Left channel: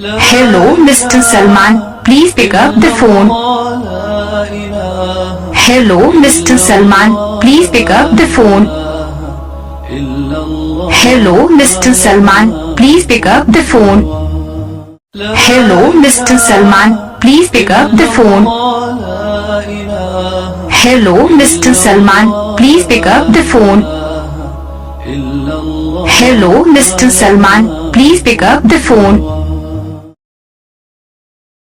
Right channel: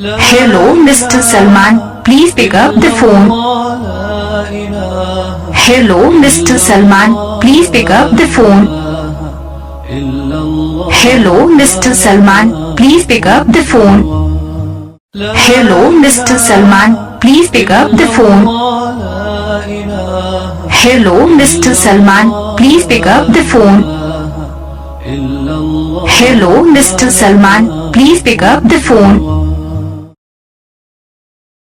Hello, Mr. Salman, please pick up the phone. Hello, Mr. Salman, please pick up the phone. Hello, Mr. Salman, please pick up the phone. Hello, Mr. Salman, please pick up the phone. Hello, Mr. Salman, please pick up the phone. Hello, Mr. Salman, please pick up the phone.